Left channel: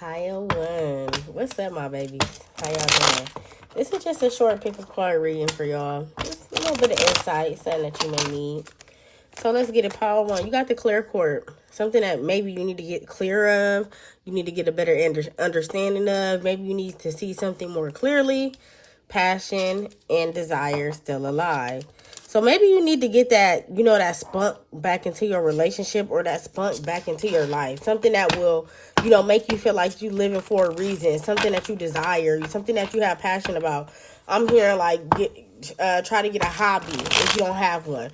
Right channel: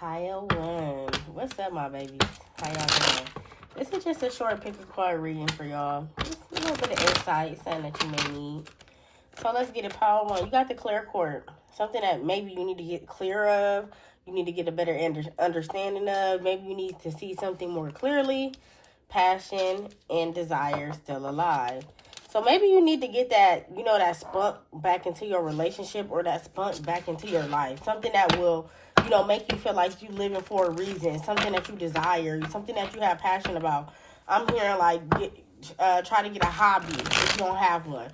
Pile 1. What's up, my babies? How y'all doing? This is just a short pick of card reading for y'all. Just a little bit of insight, something that you may need. So let's get it. Pile 1. You got the clear court. Something that maybe you need to get clear of. You need to get a better understanding of. Maybe you need to see something more clearly. Passion and desire still alive. So maybe you need to get that, that spunk back into your relationship or that spunk back into your life. Something that will, make you feel like you living for a reason. Something that you desire. Something that you have passion about. I'm here try to get a hobby if you don't have one.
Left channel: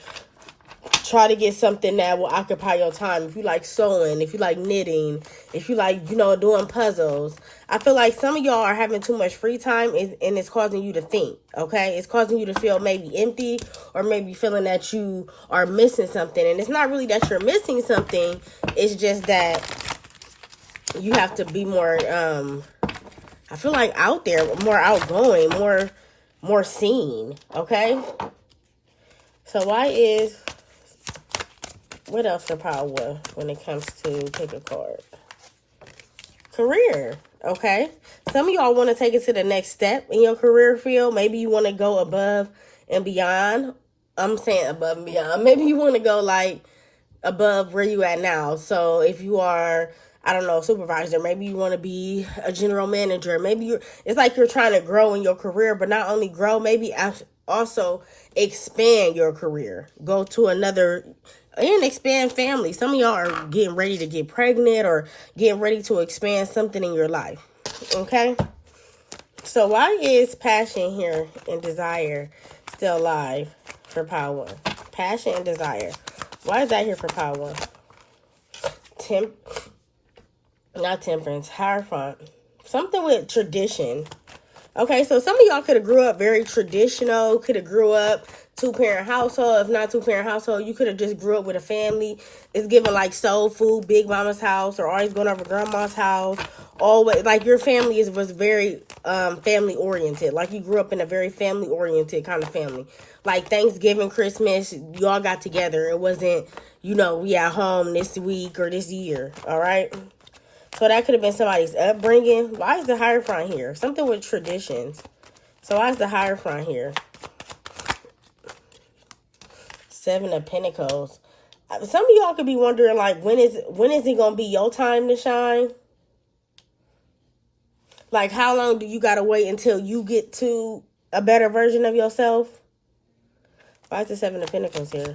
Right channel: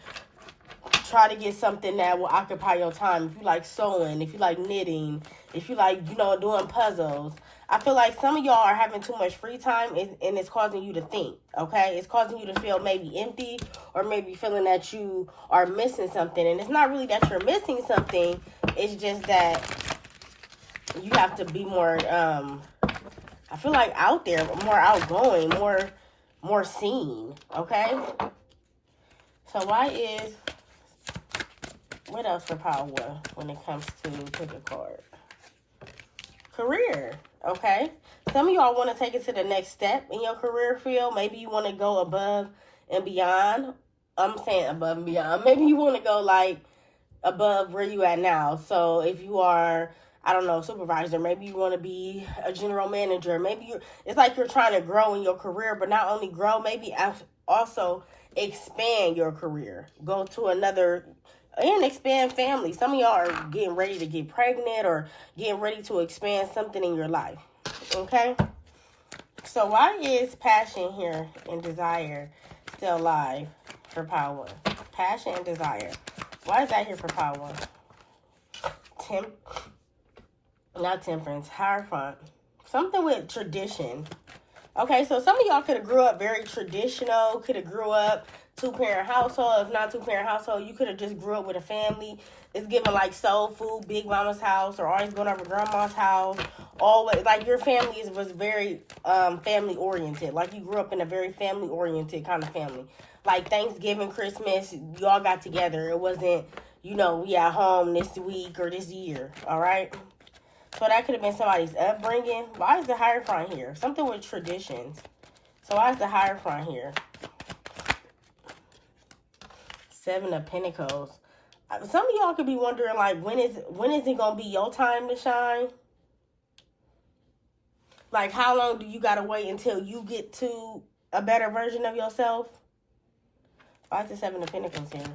Try to get something that will occupy your time. If you like sewing, if you like knitting, if you like, doing puzzles. I feel like some of y'all are having too much free time and it's causing you to think, okay? It's causing you to feel maybe empty or maybe feeling that you are missing something. And it's not really that you're missing something. It's just that you have to be more, I feel like out there, more outgoing, more seen, okay? So what else for power when it comes to pick a card? Career, okay? Some of y'all want to take it to the next step in your career field. Maybe you want to go above and beyond. I'm saying above and beyond. Maybe you want to go above where you at now. So if you are, I don't know, supervisor, maybe you want to be a general manager. Maybe it's like you're trying to grow in your career, but not only grow, maybe also expand your career. Go to another and expand family. Some of y'all are getting ready to get pregnant or getting ready to expand something in your life. Okay? So why is passion here and desire still alive for power? Passion and desire. Why is that here for power? Not temperance. Hierophant. Something with tradition. Okay, so some of y'all could have grew up very traditional, could have grew up two-parent household. If not two-parent household, you could have just grew up with a family. It's given like soul food, big mama's house, or always going over grandma's house. Always, like your family was very family-oriented. Like you grew up in a very family-oriented kind of family. Like Thanksgiving, Christmas, you all got together. It wasn't, we at home this week or this year, all right? So that could have been somebody's upbringing. Why is the Hierophant here? Something with traditions. So why is the Hierophant here? 7 of Pentacles. Some of y'all could be wondering, like, when is it going to be your time to shine? Like, how long do you got to wait until you get to a better version of yourself? Why is the 7 of Pentacles here?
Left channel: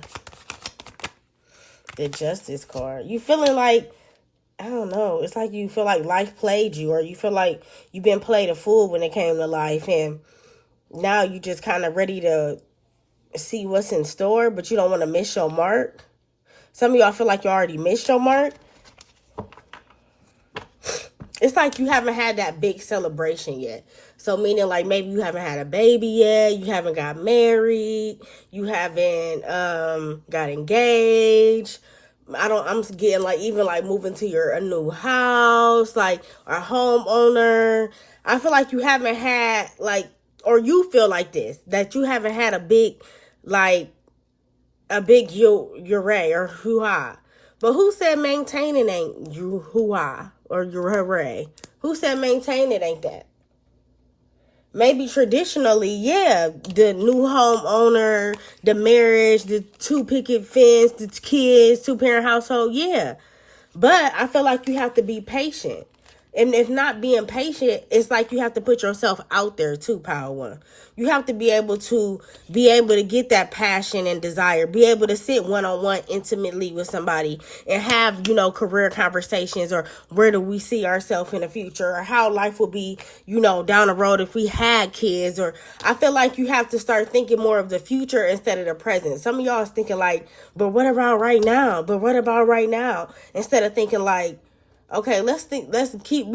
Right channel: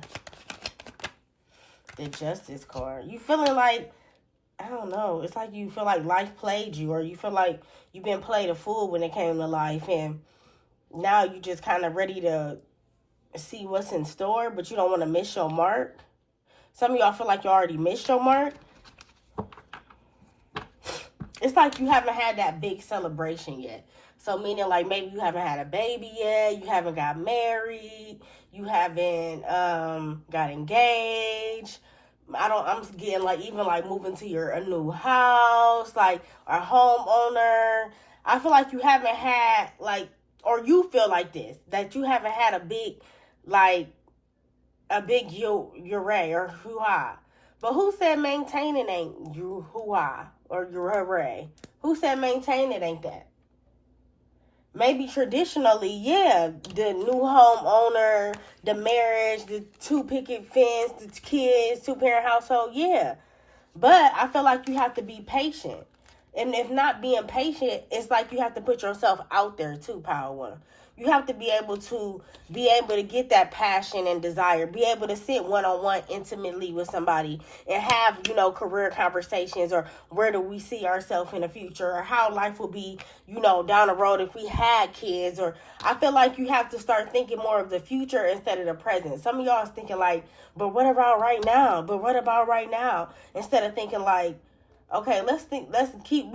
The Justice card. You feeling like, I don't know. It's like you feel like life played you, or you feel like you've been played a fool when it came to life, and now you just kind of ready to see what's in store, but you don't want to miss your mark. Some of y'all feel like you already missed your mark. It's like you haven't had that big celebration yet. So meaning like maybe you haven't had a baby yet, you haven't got married, you haven't got engaged. I'm getting like even like moving to a new house, like a homeowner. I feel like you haven't had or you feel like this, that you haven't had a big hooray or hoo-ha. But who said maintaining ain't you hoo-ha or your hooray? Who said maintaining ain't that? Maybe traditionally, yeah, the new homeowner, the marriage, the 2 picket fence, the kids, 2-parent household, yeah. But I feel like you have to be patient. And if not being patient, it's like you have to put yourself out there too, Power 1. You have to be able to get that passion and desire, be able to sit one-on-one intimately with somebody and have, career conversations, or where do we see ourselves in the future, or how life will be, down the road if we had kids. Or I feel like you have to start thinking more of the future instead of the present. Some of y'all is thinking like, but what about right now? But what about right now? Instead of thinking like, okay, we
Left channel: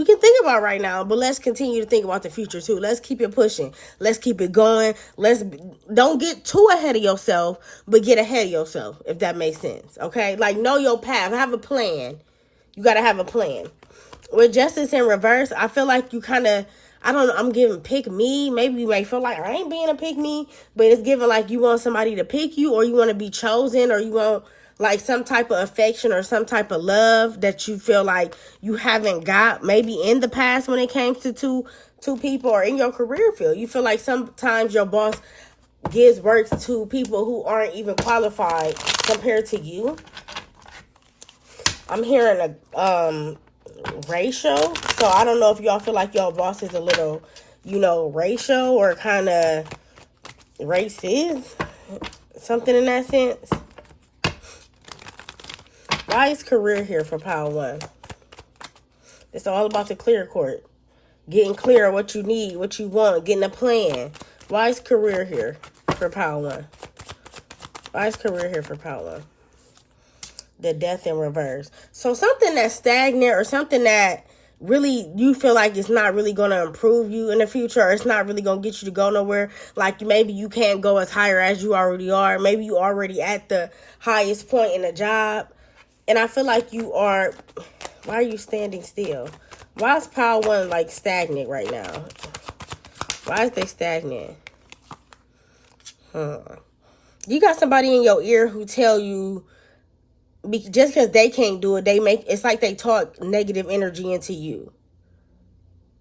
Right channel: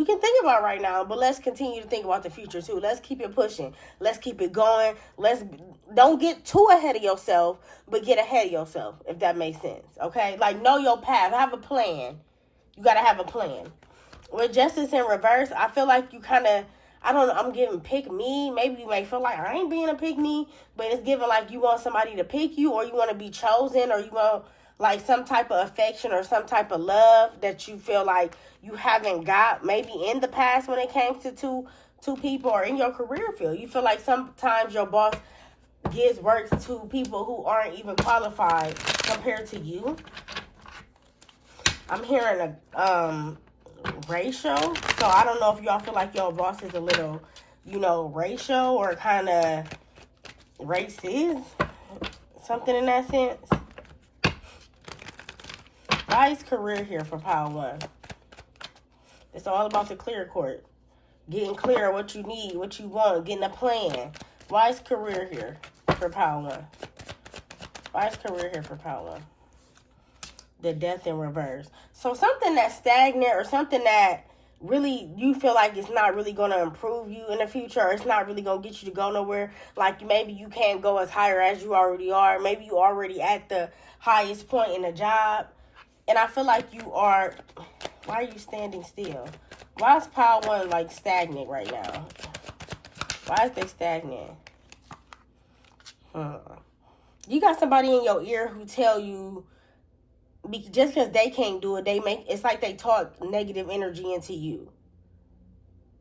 can think about right now, but let's continue to think about the future too. Let's keep it pushing. Let's keep it going. Don't get too ahead of yourself, but get ahead of yourself, if that makes sense. Okay? Like, know your path. Have a plan. You got to have a plan. With Justice in reverse, I feel like you kind of, I don't know, I'm giving pick me. Maybe you may feel like I ain't being a pick me, but it's giving like you want somebody to pick you, or you want to be chosen, or you want like some type of affection or some type of love that you feel like you haven't got maybe in the past when it came to two people, or in your career field. You feel like sometimes your boss gives work to people who aren't even qualified compared to you. I'm hearing a racial. So I don't know if y'all feel like your boss is a little, racial or kind of racist. Something in that sense. Why is career here for Power 1? It's all about the clear court. Getting clear on what you need, what you want, getting a plan. Why is career here for Power 1? Why is career here for Power 1? The death in reverse. So something that's stagnant or something that really you feel like it's not really going to improve you in the future, or it's not really going to get you to go nowhere. Like maybe you can't go as higher as you already are. Maybe you already at the highest point in the job. And I feel like you are, why are you standing still? Why is Power 1 like stagnant right now? Why is they stagnant? You got somebody in your ear who tell you, just because they can't do it, it's like they talk negative energy into you.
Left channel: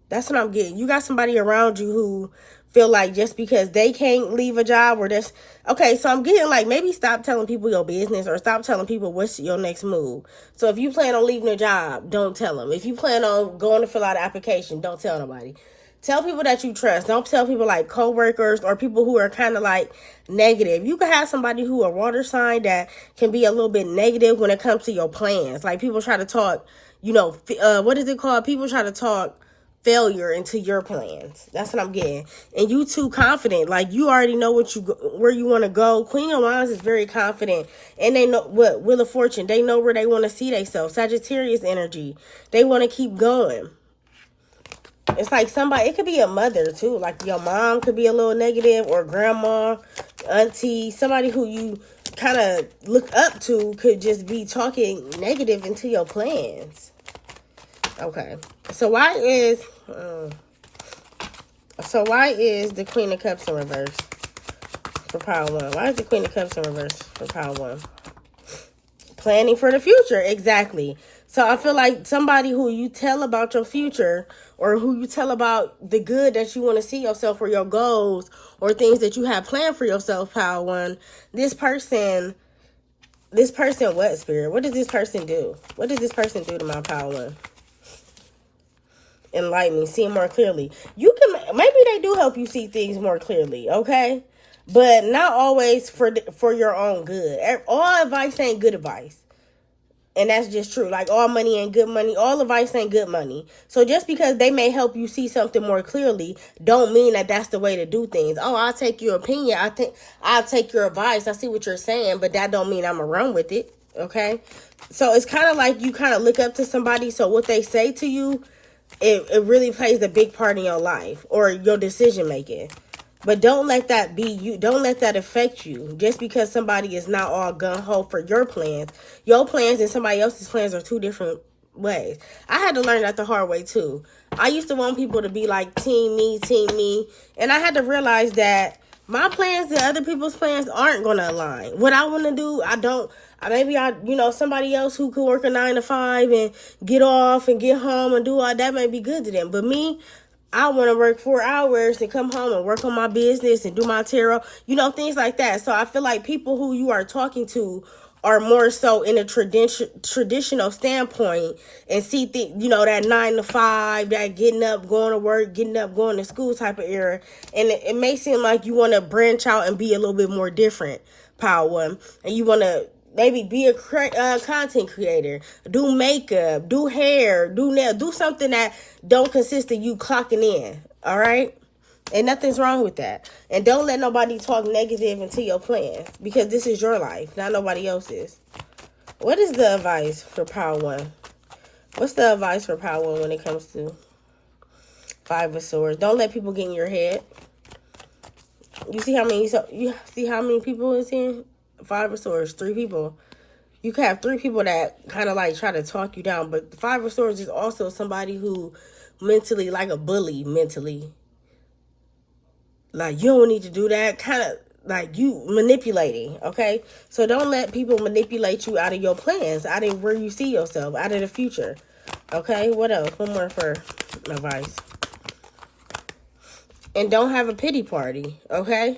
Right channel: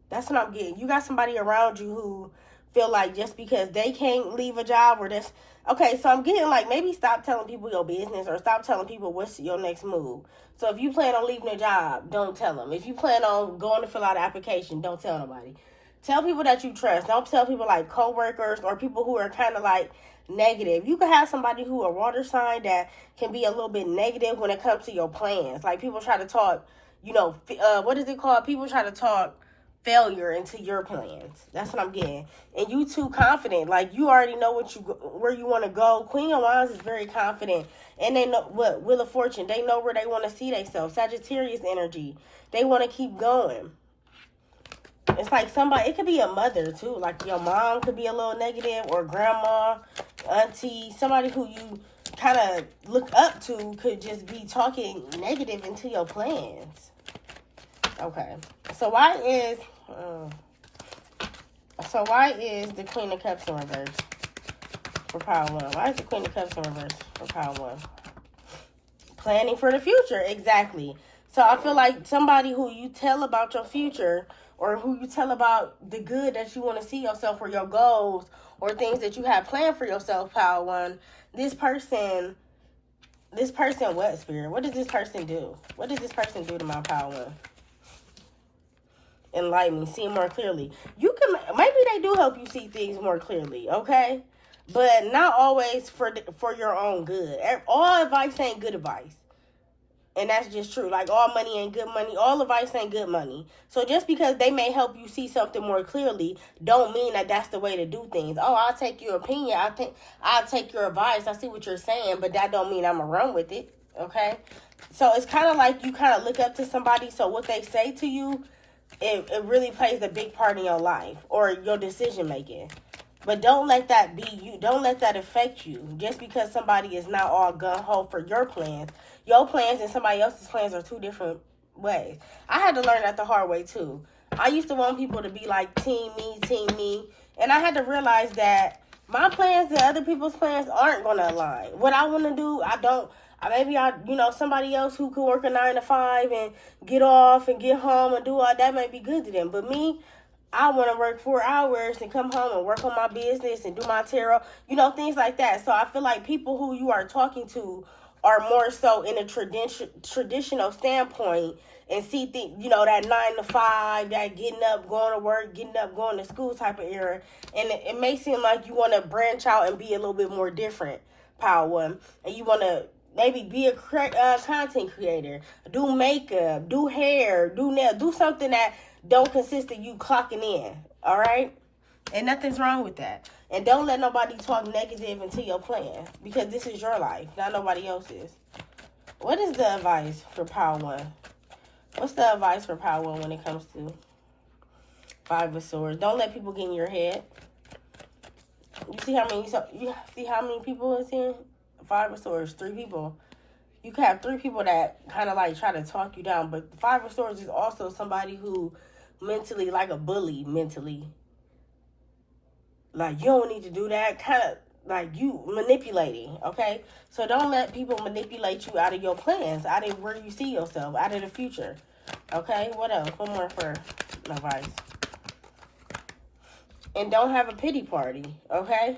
That's what I'm getting. You got somebody around you who feel like just because they can't leave a job or this. Okay, so I'm getting like maybe stop telling people your business, or stop telling people what's your next move. So if you plan on leaving a job, don't tell them. If you plan on going to fill out an application, don't tell nobody. Tell people that you trust. Don't tell people like coworkers or people who are kind of like negative. You can have somebody who a water sign that can be a little bit negative when it comes to your plans. Like people try to talk, what is it called? People try to talk failure into your plans. That's what I'm getting. And you too confident. Like you already know where you want to go. Queen of Wands is very confident. And they know what Wheel of Fortune. They know where they want to see themselves. Sagittarius energy. They want to keep going. It's like somebody, it could be a mother too. Like your mom could be a little negative, or grandma, auntie, somebody who you kind of look up to could just be talking negative into your plans. Okay. So why is the Queen of Cups in reverse for Power 1? Why is the Queen of Cups in reverse for Power 1? Planning for the future. Exactly. So I feel like somebody who you tell about your future, or who you tell about the good that you want to see yourself, or your goals, or things that you have planned for yourself, Power 1. This person, what, Spirit? What does this person do? What does this person do to my Power 1? Enlighten me, see more clearly. Maybe they do help you see things more clearly, okay? But not always for your own good. All advice ain't good advice. And that's just true. Like all money ain't good money. All advice ain't good money. So just because they may help you see something more clearly, don't mean that that's the way to do things. Oh, I'll take your opinion. I'll take your advice. I see what you're saying, but that don't mean I'm gonna run with it. Okay? So it's kind of like you kind of look up to somebody. So what they say to you, it really plays a big part in your life or your decision making. But don't let that be you. Don't let that affect you. Just because somebody is not all gung-ho for your plans. Your plans and somebody else's plans are two different ways. I had to learn that the hard way too. I used to want people to be like team me. And I had to realize that my plans and other people's plans aren't going to align. What I want to do, I don't. Maybe somebody else who could work a 9 to 5 and get off and get home and do all that may be good to them. But me, I want to work 4 hours and come home and work on my business and do my tarot, things like that. So I feel like people who you are talking to are more so in a traditional standpoint and see that 9 to 5, that getting up, going to work, getting up, going to school type of era. And it may seem like you want to branch out and be a little bit more different, Power 1. And you want to maybe be a content creator, do makeup, do hair, do nail, do something that don't consist of you clocking in, all right? And nothing's wrong with that. And don't let nobody talk negative into your plan, because this is your life, not nobody else's. What is the advice for Power 1? What's the advice for Power 1 when it comes to 5 of Swords? Don't let people get in your head. You see how many people is here? 5 of Swords, 3 people. You can have 3 people that kind of like try to talk you down, but the 5 of Swords is also somebody who like a bully mentally. Like, you don't need to do that. Kind of like you manipulating, okay? So don't let people manipulate you out of your plans, out of where you see yourself, out of the future. Okay, what else? One more for advice. And don't have a pity party, okay?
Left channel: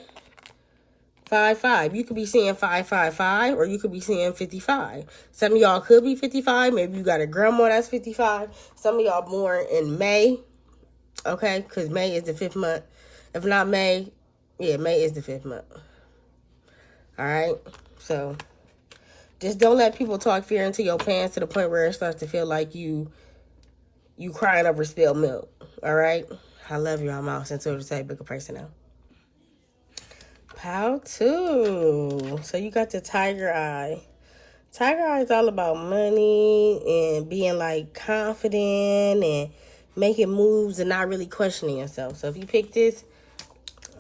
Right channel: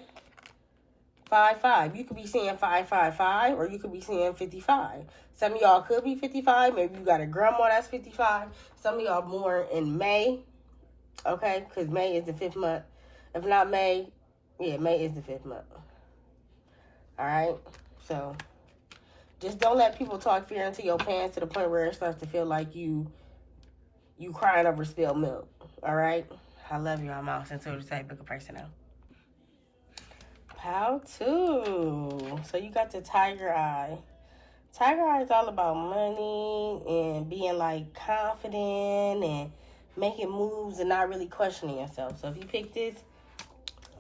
5-5. You could be seeing 5-5-5, or you could be seeing 55. Some of y'all could be 55. Maybe you got a grandma that's 55. Some of y'all born in May, okay? Because May is the 5th month. If not May, yeah, May is the 5th month. All right? So just don't let people talk fear into your pants to the point where it starts to feel like you crying over spilled milk. All right? I love you. I'm out until the type book of person now. How to? So you got the tiger eye. Tiger eye is all about money and being like confident and making moves and not really questioning yourself. So if you pick this,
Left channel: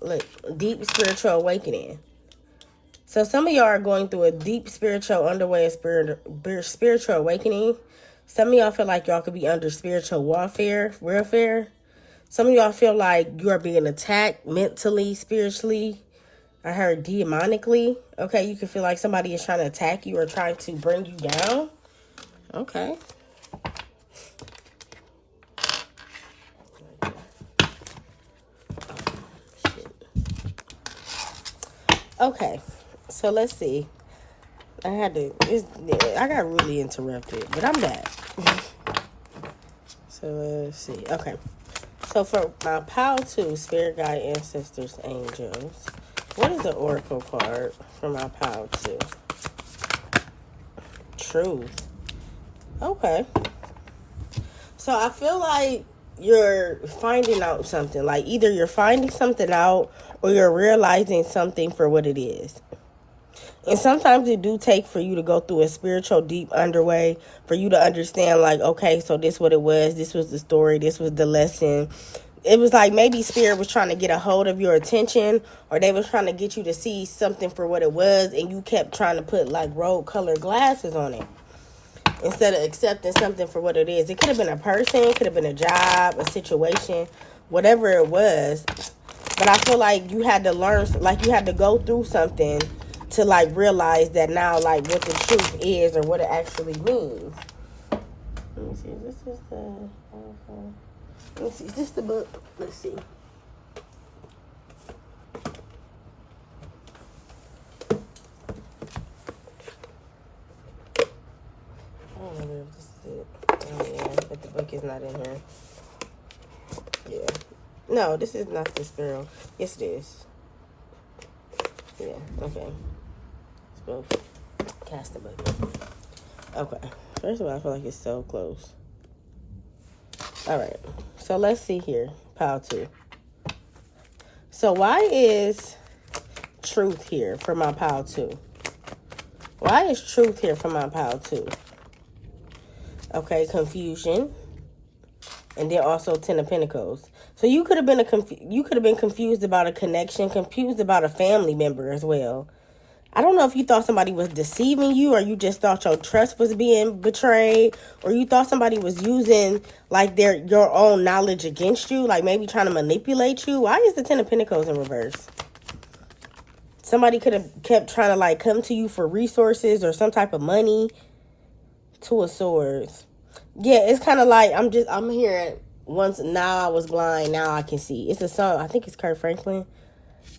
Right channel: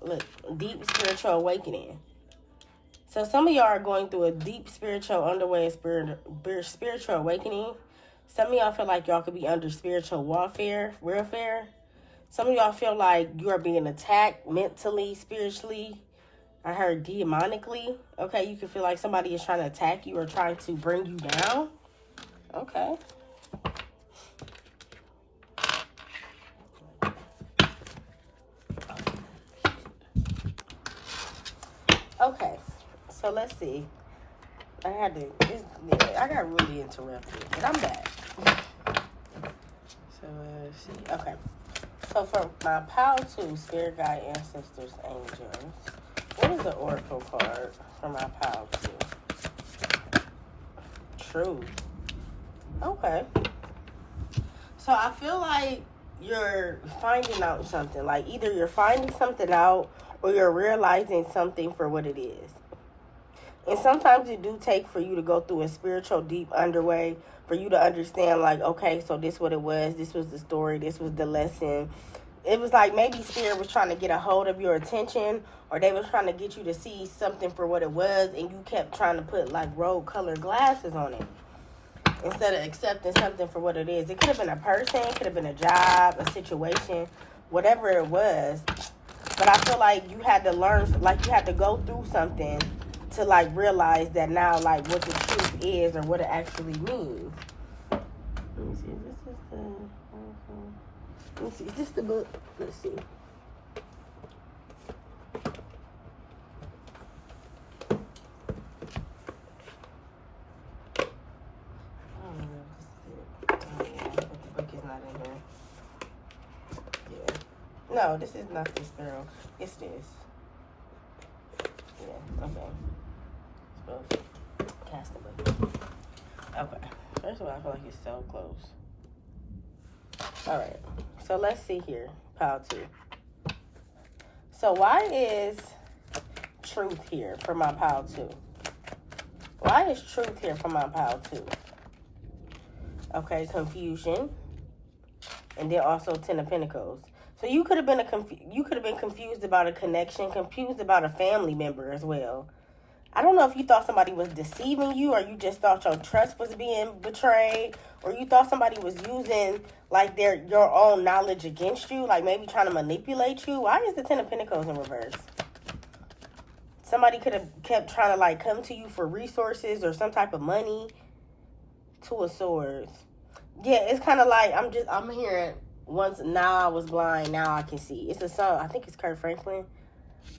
look, deep spiritual awakening. So some of y'all are going through a deep spiritual underway, spiritual awakening. Some of y'all feel like y'all could be under spiritual warfare. Some of y'all feel like you are being attacked mentally, spiritually. I heard demonically. Okay, you can feel like somebody is trying to attack you or trying to bring you down. Okay. Okay, so let's see. I got really interrupted, but I'm back. So let's see. Okay. So for my Pile 2, Spirit Guide, Ancestors, Angels, what is the Oracle card for my Pile 2? Truth. Okay. So I feel like you're finding out something. Like either you're finding something out or you're realizing something for what it is. And sometimes it do take for you to go through a spiritual deep underway for you to understand, like, okay, so this what it was. This was the story. This was the lesson. It was like maybe Spirit was trying to get a hold of your attention, or they was trying to get you to see something for what it was, and you kept trying to put like rose-colored glasses on it instead of accepting something for what it is. It could have been a person, it could have been a job, a situation, whatever it was. But I feel like you had to learn, like you had to go through something to like realize that now, like what the truth is or what it actually means. Let me see. This is the. Let me see. Is this the book? Let's see. I don't know if this is it. Oh yeah, but the book is not in here. Yeah. No, this is not this girl. Yes, it is. Yeah. Okay. Cast the book. Okay. First of all, I feel like it's so close. Alright. So let's see here. Pile 2. So why is truth here for my Pile 2? Why is truth here for my Pile 2? Okay, confusion. And then also 10 of Pentacles. So you could have been confused about a connection, confused about a family member as well. I don't know if you thought somebody was deceiving you, or you just thought your trust was being betrayed, or you thought somebody was using like your own knowledge against you, like maybe trying to manipulate you. Why is the 10 of Pentacles in reverse? Somebody could have kept trying to like come to you for resources or some type of money. 2 of Swords. Yeah, it's kind of like I'm hearing once, now I was blind, now I can see. It's a song, I think it's Kurt Franklin.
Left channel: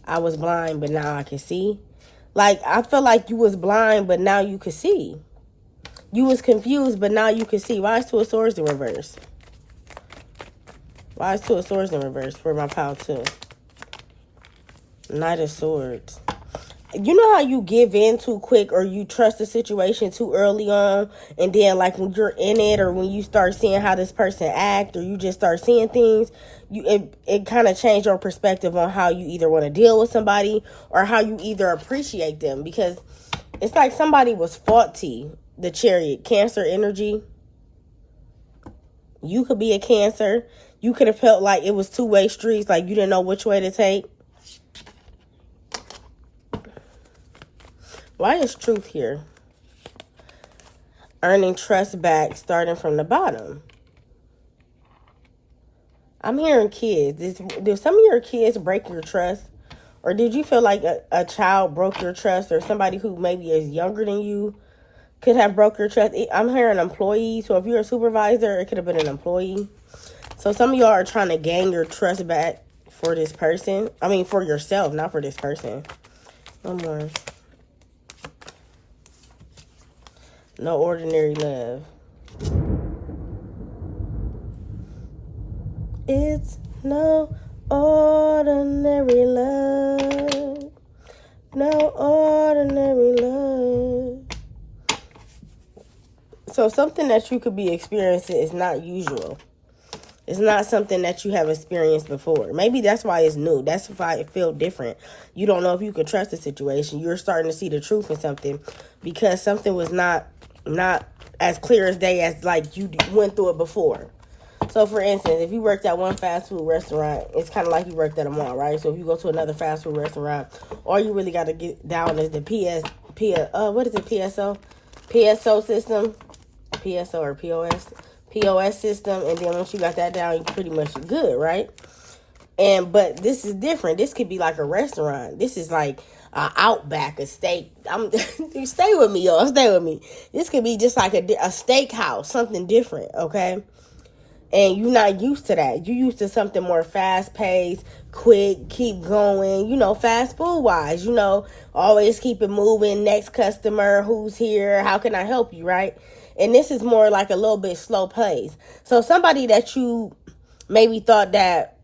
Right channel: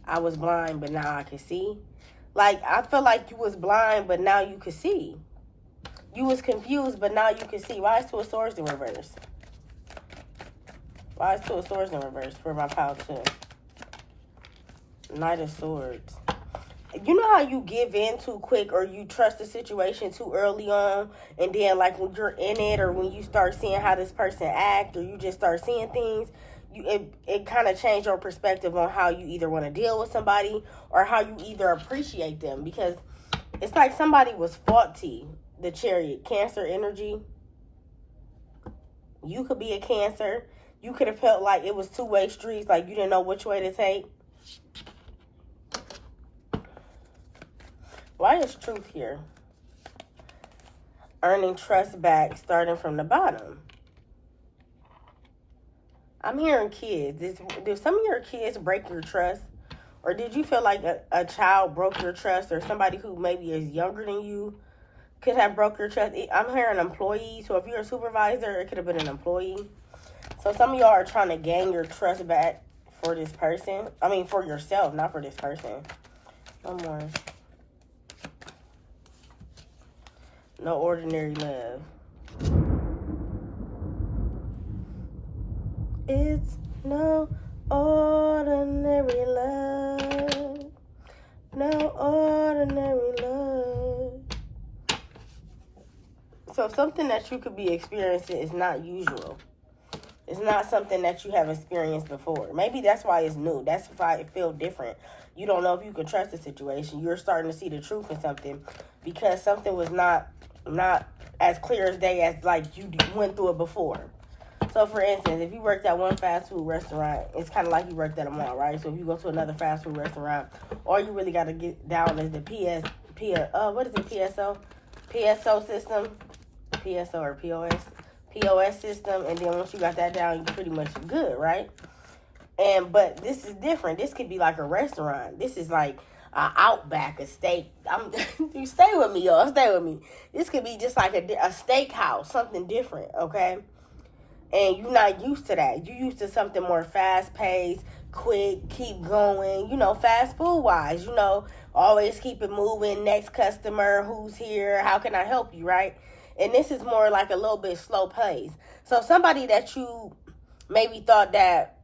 I was blind, but now I can see. Like, I feel like you was blind, but now you can see. You was confused, but now you can see. Why is 2 of Swords in reverse? Why is 2 of Swords in reverse for my Pile 2? Knight of Swords. You know how you give in too quick, or you trust the situation too early on, and then like when you're in it, or when you start seeing how this person act, or you just start seeing things, it kind of changed your perspective on how you either want to deal with somebody or how you either appreciate them, because it's like somebody was faulty. The Chariot, Cancer energy. You could be a Cancer. You could have felt like it was two-way streets, like you didn't know which way to take. Why is truth here? Earning trust back, starting from the bottom. I'm hearing kids. Did some of your kids break your trust? Or did you feel like a child broke your trust, or somebody who maybe is younger than you could have broke your trust? I'm hearing employee. So if you're a supervisor, it could have been an employee. So some of y'all are trying to gain your trust back for this person. I mean, for yourself, not for this person. One more. No ordinary love. It's no ordinary love. No ordinary love. So something that you could be experiencing is not usual. It's not something that you have experienced before. Maybe that's why it's new. That's why it feels different. You don't know if you can trust the situation. You're starting to see the truth in something because something was not as clear as day as like you went through it before. So for instance, if you worked at one fast food restaurant, it's kind of like you worked at a mall, right? So if you go to another fast food restaurant, all you really got to get down is the PSO system, PSO or POS system, and then once you got that down, you pretty much good, right? But this is different. This could be like a restaurant. This is like Outback, a steak. Stay with me, y'all. Stay with me. This could be just like a steakhouse, something different, okay? And you're not used to that. You're used to something more fast-paced, quick, keep going, fast food-wise, always keep it moving, next customer, who's here, how can I help you, right? And this is more like a little bit slow pace. So somebody that you maybe thought that,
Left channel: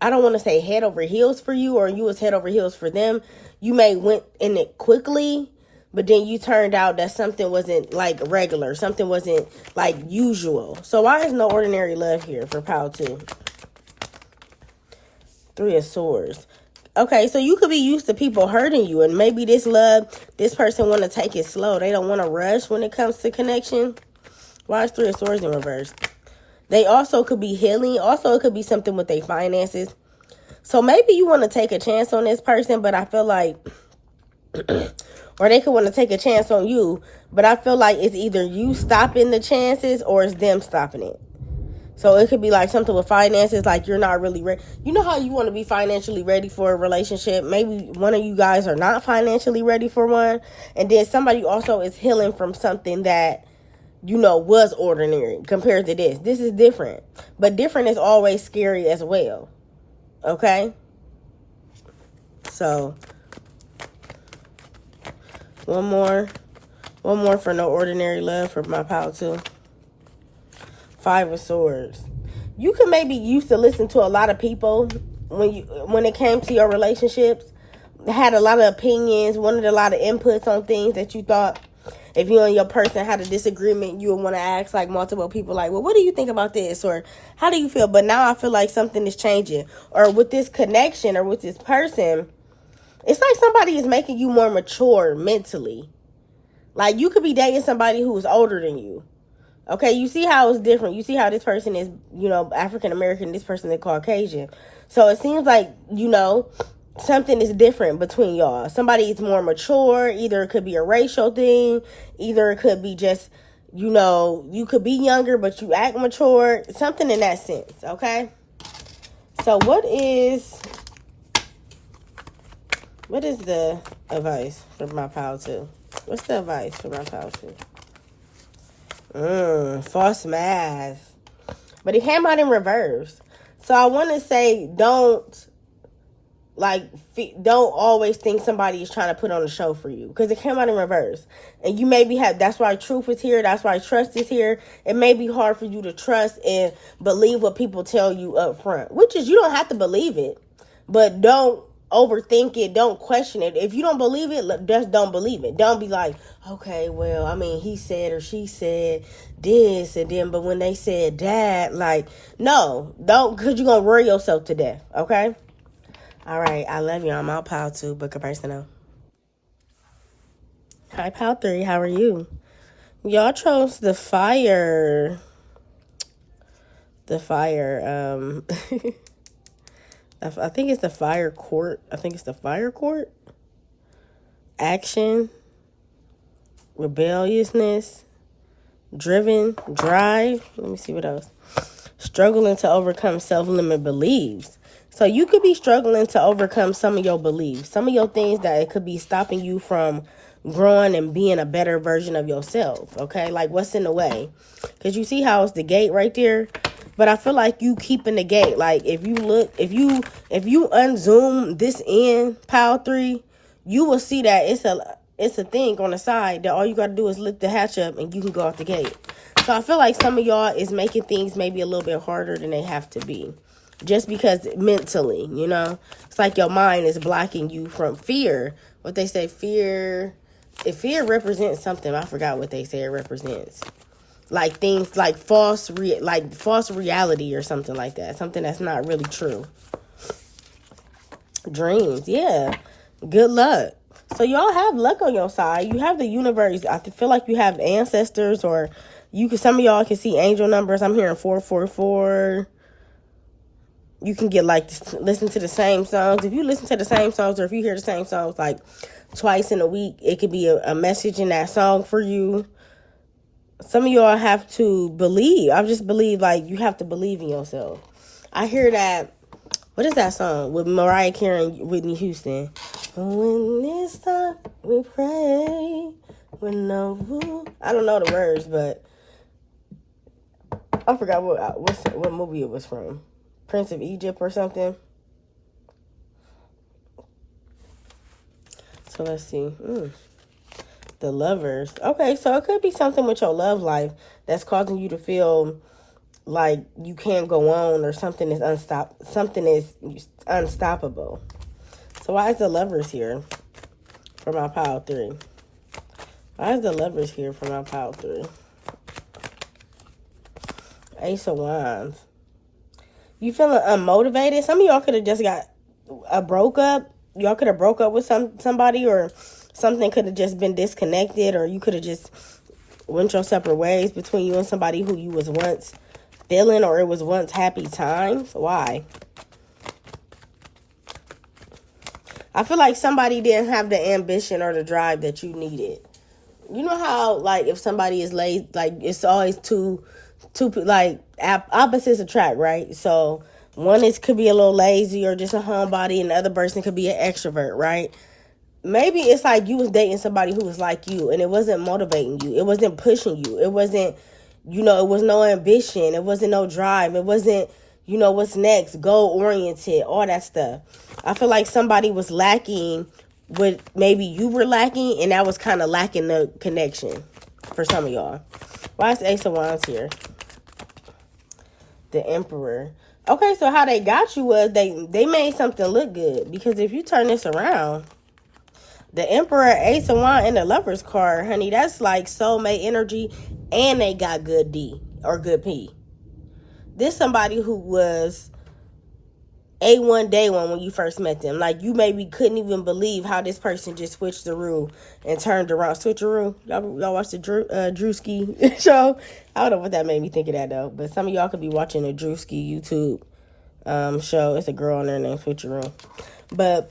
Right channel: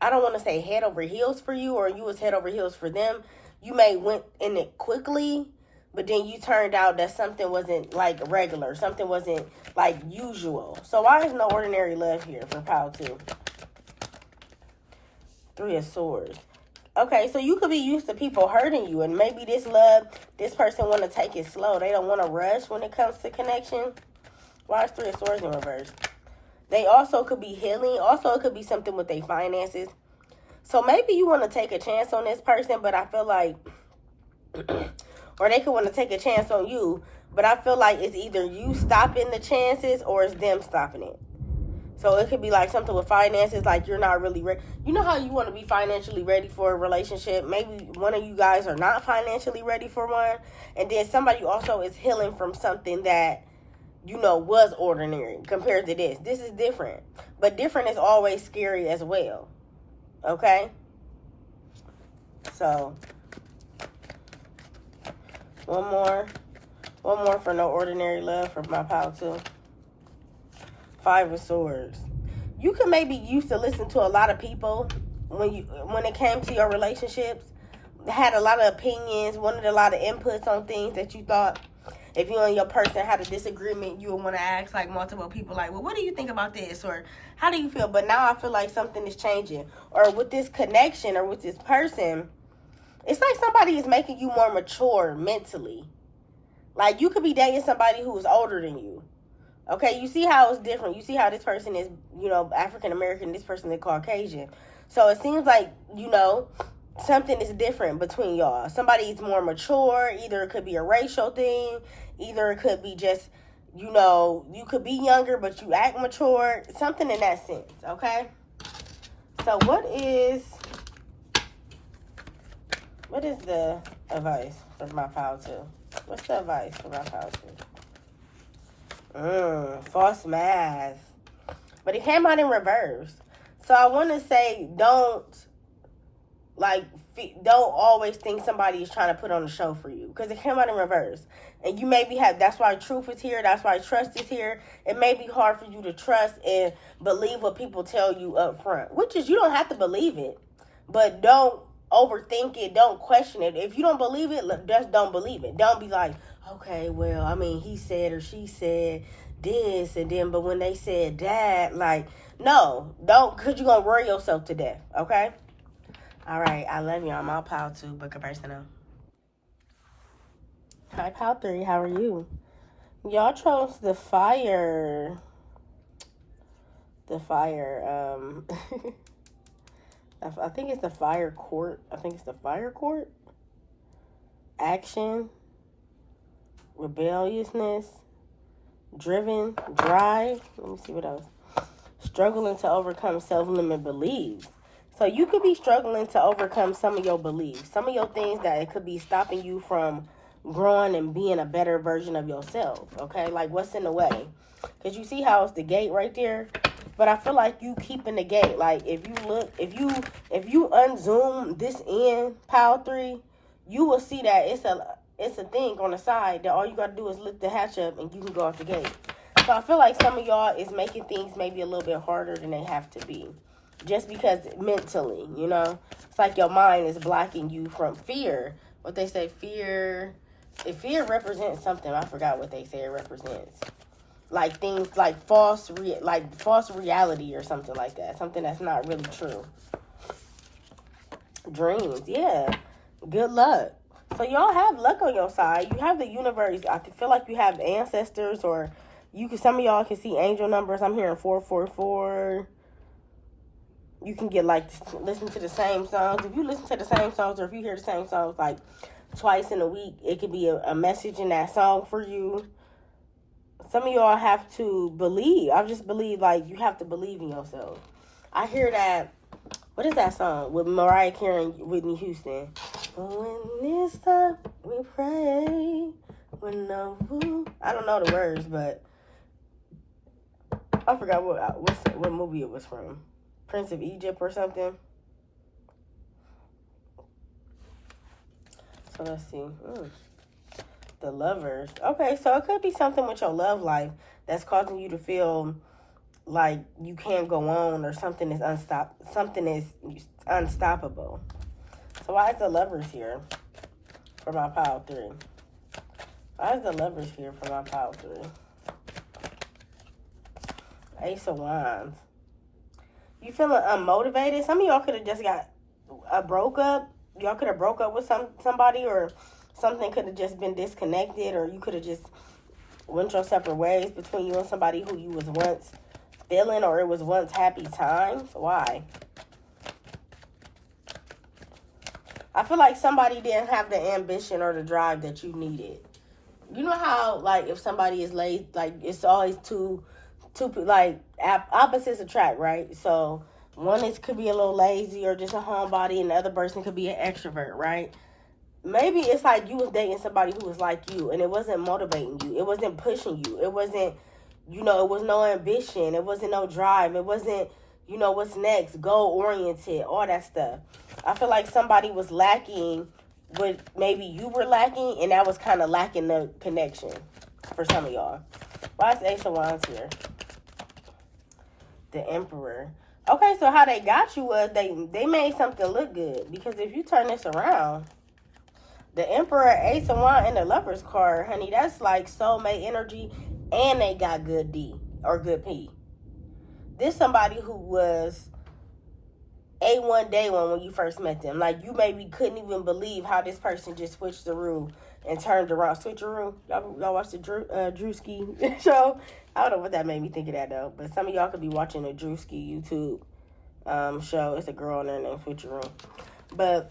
I don't want to say head over heels for you, or you was head over heels for them, you may went in it quickly, but then you turned out that something wasn't like regular. Something wasn't like usual. So why is no ordinary love here for pile 2? 3 of Swords. Okay, so you could be used to people hurting you, and maybe this person want to take it slow. They don't want to rush when it comes to connection. Why is 3 of Swords in reverse? They also could be healing. Also, it could be something with their finances. So maybe you want to take a chance on this person, but I feel like, or they could want to take a chance on you, but I feel like it's either you stopping the chances or it's them stopping it. So it could be like something with finances, like you're not really ready. You know how you want to be financially ready for a relationship? Maybe one of you guys are not financially ready for one. And then somebody also is healing from something that, was ordinary compared to this. This is different. But different is always scary as well. Okay? So, one more for no ordinary love for my pile 2. 5 of Swords. You could maybe used to listen to a lot of people when it came to your relationships. Had a lot of opinions, wanted a lot of inputs on things that you thought, if you and your person had a disagreement, you would want to ask like multiple people, like, well, what do you think about this? Or how do you feel? But now I feel like something is changing. Or with this connection or with this person, it's like somebody is making you more mature mentally. Like you could be dating somebody who's older than you. Okay, you see how it's different. You see how this person is, African American, this person is Caucasian. So it seems like, something is different between y'all. Somebody is more mature. Either it could be a racial thing. Either it could be just, you could be younger, but you act mature. Something in that sense, okay? So what is the advice for my pile 2? What's the advice for my pile 2? False mask. But it came out in reverse. So I want to say don't always think somebody is trying to put on a show for you, because it came out in reverse. And you maybe that's why truth is here. That's why trust is here. It may be hard for you to trust and believe what people tell you up front, which is you don't have to believe it, but don't overthink it. Don't question it. If you don't believe it, just don't believe it. Don't be like, okay, well, I mean, he said or she said this and then, but when they said that, like, no, don't, because you're going to worry yourself to death, okay? All right, I love you. I'm out, pile 2, book a personal. Hi, pile 3, how are you? Y'all chose the fire. The fire, I think it's the fire court. Action, rebelliousness, driven, drive. Let me see what else. Struggling to overcome self-limit beliefs. So you could be struggling to overcome some of your beliefs, some of your things that it could be stopping you from growing and being a better version of yourself. Okay, like what's in the way? Because you see how it's the gate right there. But I feel like you keeping the gate. Like if you look, if you unzoom this in pile 3, you will see that it's a thing on the side that all you got to do is lift the hatch up and you can go out the gate. So I feel like some of y'all is making things maybe a little bit harder than they have to be. Just because mentally, you know, it's like your mind is blocking you from fear. What they say, fear, if fear represents something, I forgot what they say it represents. Like things like false reality or something like that. Something that's not really true. Dreams, yeah. Good luck. So y'all have luck on your side. You have the universe. I feel like you have ancestors, or some of y'all can see angel numbers. I'm hearing 444. You can get like listen to the same songs. If you listen to the same songs, or if you hear the same songs like twice in a week, it could be a message in that song for you. Some of y'all have to believe. I just believe, like, you have to believe in yourself. I hear that. What is that song with Mariah Carey and Whitney Houston? When it's time we pray. When no, I don't know the words, but I forgot what movie it was from. Prince of Egypt or something. So let's see. The Lovers. Okay, so it could be something with your love life that's causing you to feel like you can't go on, or something is unstoppable. So why is the Lovers here for my pile 3? Why is the Lovers here for my pile 3? Ace of Wands. You feeling unmotivated? Some of y'all could have just got broke up. Y'all could have broke up with somebody, or something could have just been disconnected, or you could have just went your separate ways between you and somebody who you was once feeling, or it was once happy times. Why? I feel like somebody didn't have the ambition or the drive that you needed. You know how, like, if somebody is lazy, like, it's always two like opposites attract, right? So one could be a little lazy or just a homebody, and the other person could be an extrovert, right? Maybe it's like you was dating somebody who was like you, and it wasn't motivating you. It wasn't pushing you. It wasn't, it was no ambition. It wasn't no drive. It wasn't, what's next, goal-oriented, all that stuff. I feel like somebody was lacking what maybe you were lacking, and that was kind of lacking the connection for some of y'all. Why is Ace of Wands here? The Emperor. Okay, so how they got you was they made something look good. Because if you turn this around, the Emperor, Ace of Wands, and the Lovers card, honey, that's like soulmate energy, and they got good D or good P. This somebody who was A1 day one when you first met them. Like, you maybe couldn't even believe how this person just switched the rule and turned around. Switcheroo. Y'all watch the Drewski show? I don't know what that made me think of that, though. But some of y'all could be watching the Drewski YouTube show. It's a girl on there named Switcheroo. But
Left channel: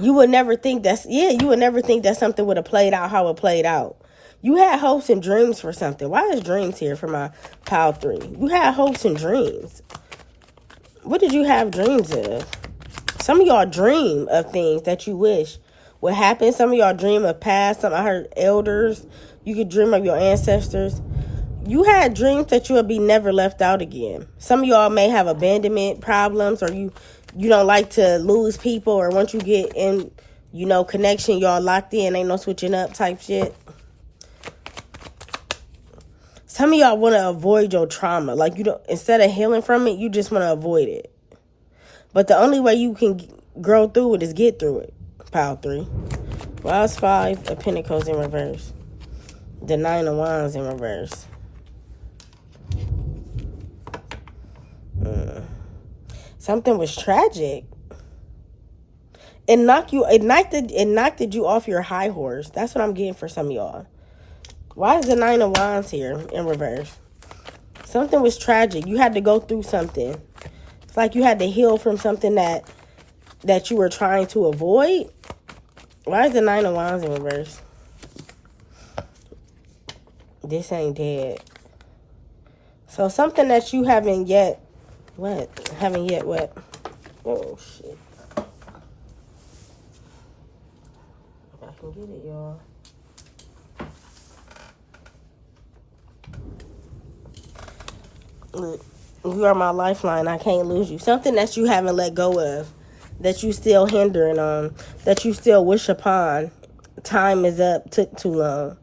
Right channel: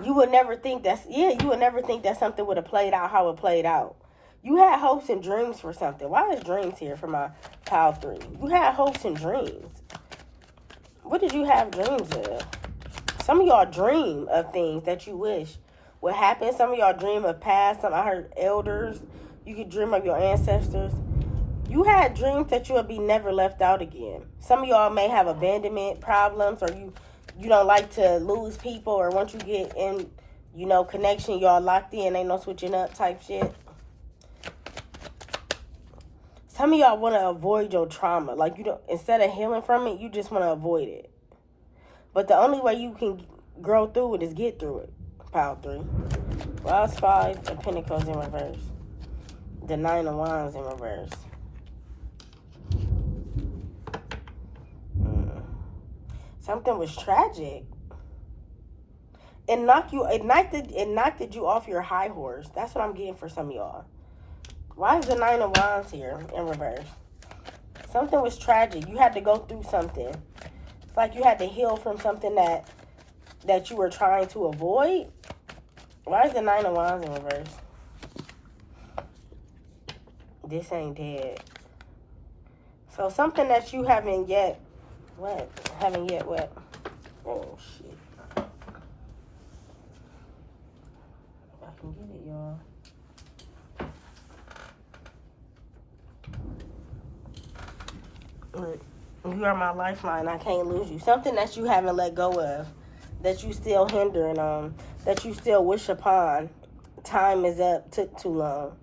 you would never think you would never think that something would have played out how it played out. You had hopes and dreams for something. Why is dreams here for my pile 3? You had hopes and dreams. What did you have dreams of? Some of y'all dream of things that you wish would happen. Some of y'all dream of past. I heard elders. You could dream of your ancestors. You had dreams that you would be never left out again. Some of y'all may have abandonment problems, or you don't like to lose people, or once you get in, connection, y'all locked in, ain't no switching up type shit. Some of y'all want to avoid your trauma. Like, instead of healing from it, you just want to avoid it. But the only way you can grow through it is get through it. Pile 3. Why is 5 of Pentacles in reverse? The 9 of Wands in reverse. Something was tragic. It knocked you off your high horse. That's what I'm getting for some of y'all. Why is the 9 of Wands here in reverse? Something was tragic. You had to go through something. It's like you had to heal from something that you were trying to avoid. Why is the 9 of Wands in reverse? This ain't dead. So something that you haven't yet... What? Haven't yet what? Oh, shit. I can get it, y'all. Look, you are my lifeline. I can't lose you. Something that you haven't let go of, that you still hindering on, that you still wish upon. Time is up. Took too long.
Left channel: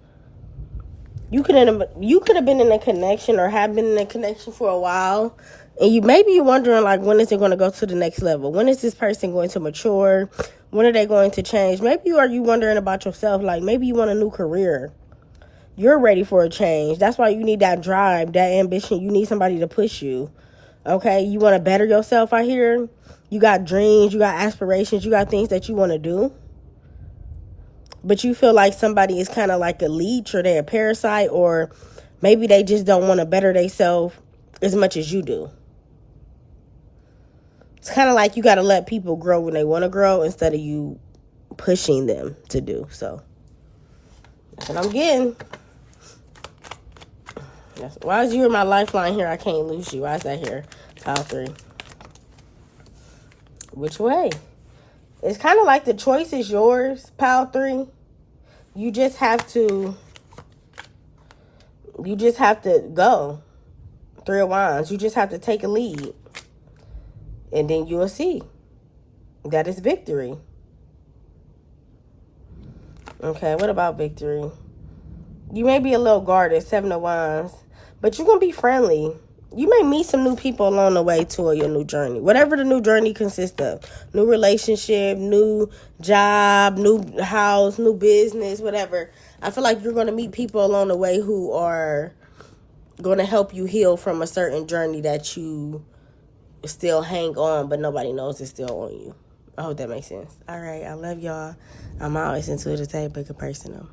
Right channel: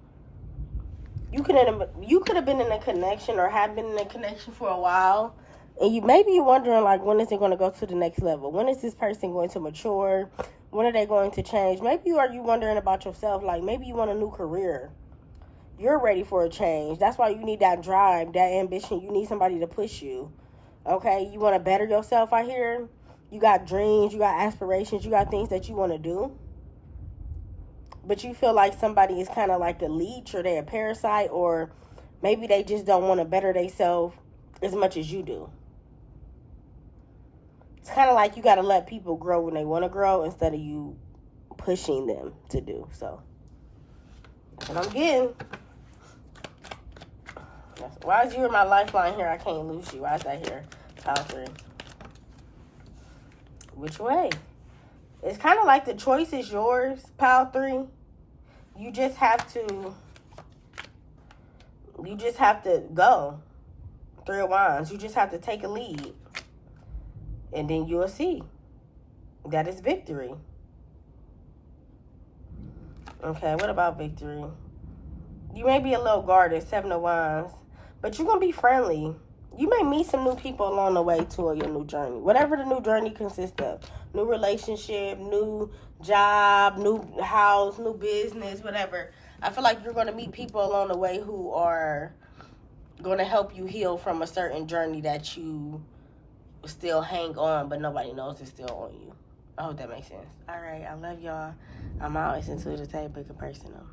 You could have been in a connection or have been in a connection for a while, and maybe you're wondering, like, when is it going to go to the next level? When is this person going to mature? When are they going to change? Maybe are you wondering about yourself, like maybe you want a new career. You're ready for a change. That's why you need that drive, that ambition. You need somebody to push you. Okay? You want to better yourself out here. You got dreams, you got aspirations, you got things that you want to do. But you feel like somebody is kind of like a leech, or they're a parasite, or maybe they just don't want to better themselves as much as you do. It's kind of like you got to let people grow when they want to grow instead of you pushing them to do so. That's what I'm getting. Why is you in my lifeline here? I can't lose you. Why is that here? Pile 3. Which way? It's kind of like the choice is yours, pile 3. You just have to go. 3 of Wands. You just have to take a lead. And then you will see. That is victory. Okay, what about victory? You may be a little guarded, 7 of Wands. But you're going to be friendly. You may meet some new people along the way toward your new journey. Whatever the new journey consists of. New relationship, new job, new house, new business, whatever. I feel like you're going to meet people along the way who are going to help you heal from a certain journey that you still hang on, but nobody knows it's still on you. I hope that makes sense. All right, I love y'all. I'm always into the type of personal.